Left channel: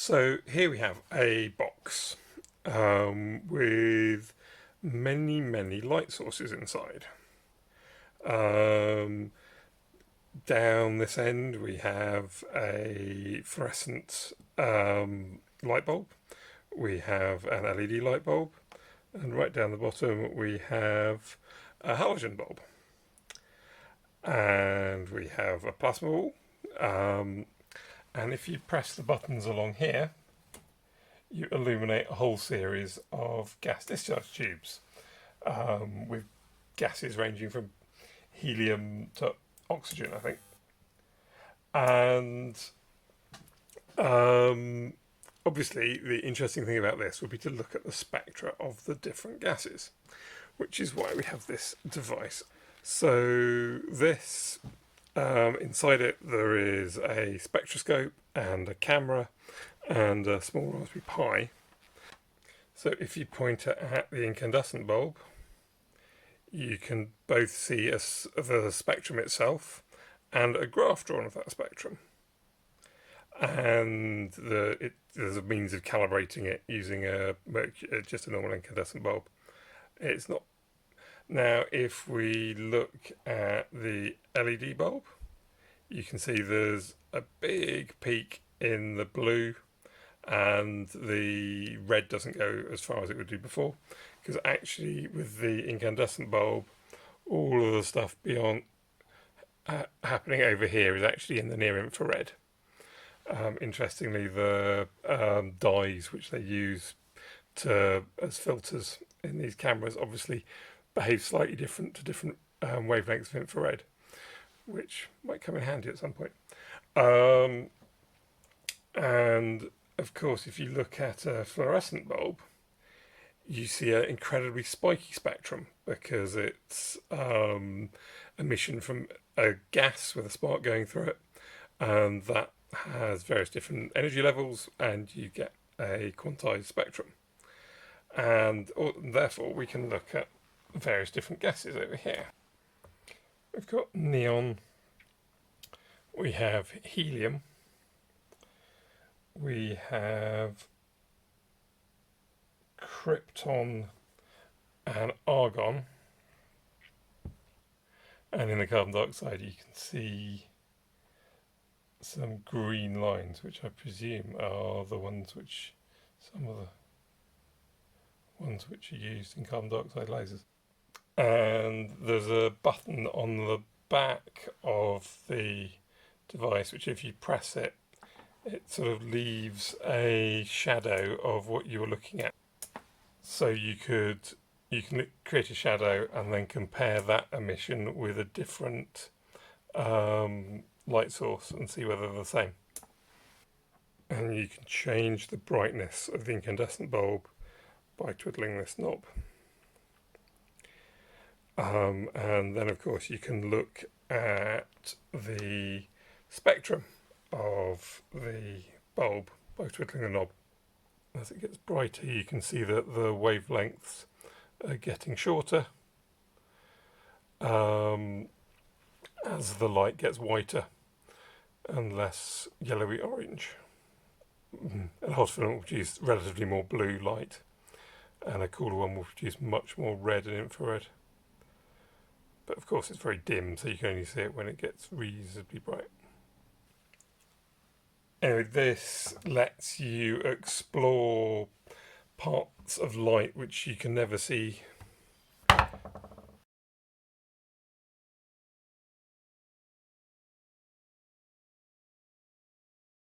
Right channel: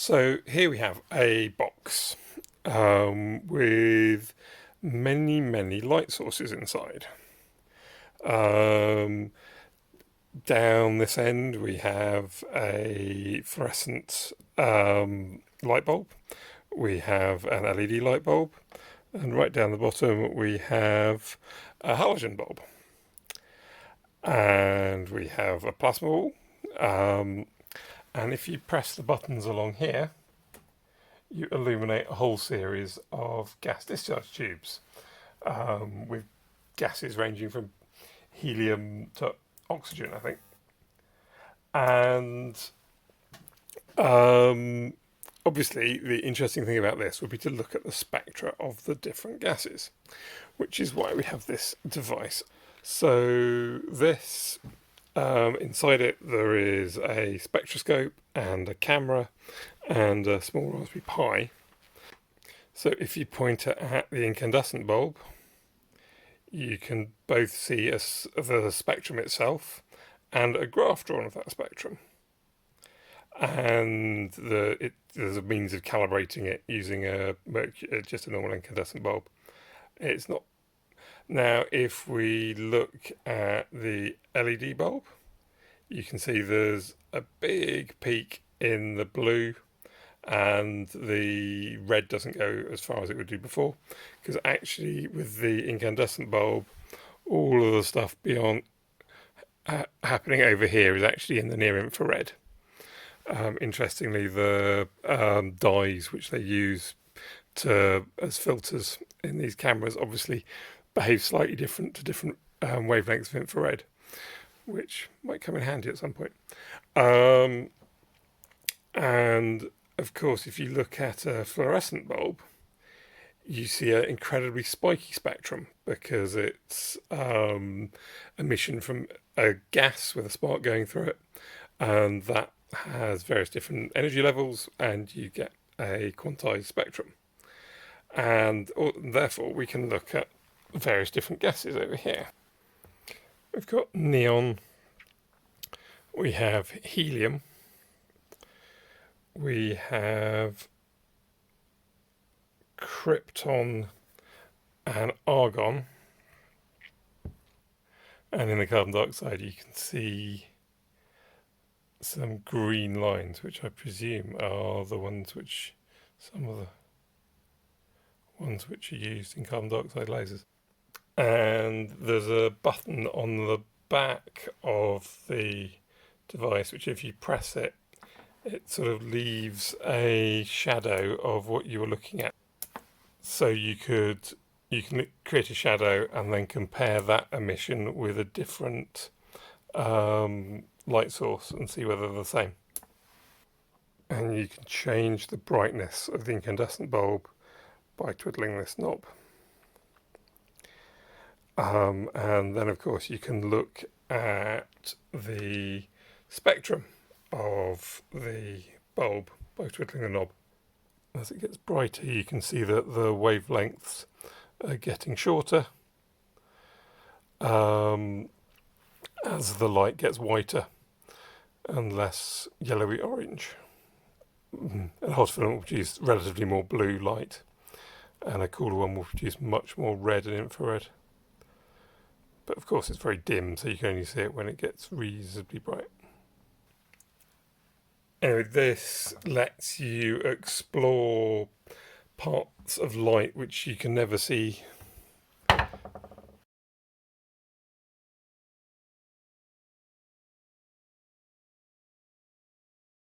So here we have a box with many light sources inside. Um, Down this end we have a fluorescent light bulb. We have an LED light bulb, and right down the bottom we have a halogen bulb, and we have a plasma ball. And if you press the buttons along here, you illuminate a whole series of gas discharge tubes with gases ranging from helium to oxygen, I think. And obviously, the interesting thing about this would be to look at the spectra of the different gases, which is why we have this device. So, this inside it, there is a spectroscope and a camera and a small Raspberry Pi. So if you point it at the incandescent bulb, you can both see the spectrum itself and a graph drawn of that spectrum. And there's a means of calibrating it using just a normal incandescent bulb. It's not. Now, if we look at the LED bulb, you can see there's a big peak in the blue, and the red doesn't go as far as it would do before, because actually with the incandescent bulb, all of the stuff beyond happening over here is actually in the near infrared. Interestingly, the dyes which they use as filters in these cameras obviously behave slightly different to different wavelengths of infrared, which might come in handy at some point. And of course, if you look at a fluorescent bulb, you see an incredibly spiky spectrum because it's emission from a gas with a spark going through it, and that has various different energy levels, and you get a quantized spectrum. And therefore, we can look at various different gases over here. We've got neon, we have helium, we have krypton and argon, and in the carbon dioxide you can see some green lines, which I presume are the ones which some of the ones which are used in carbon dioxide lasers. And there's a button on the back of the device which, if you press it, it sort of leaves a shadow of what you were looking at. So you can create a shadow and then compare that emission with a different light source and see whether they're the same. And you can change the brightness of the incandescent bulb by twiddling this knob. And then of course you can look at the spectrum of the bulb by twiddling the knob. As it gets brighter, you can see that the wavelengths are getting shorter as the light gets whiter and less yellowy orange. A hot film will produce relatively more blue light, and a cooler one will produce much more red and infrared. But of course it's very dim, so you can only see it when it gets reasonably bright. This lets you explore parts of light which you can never see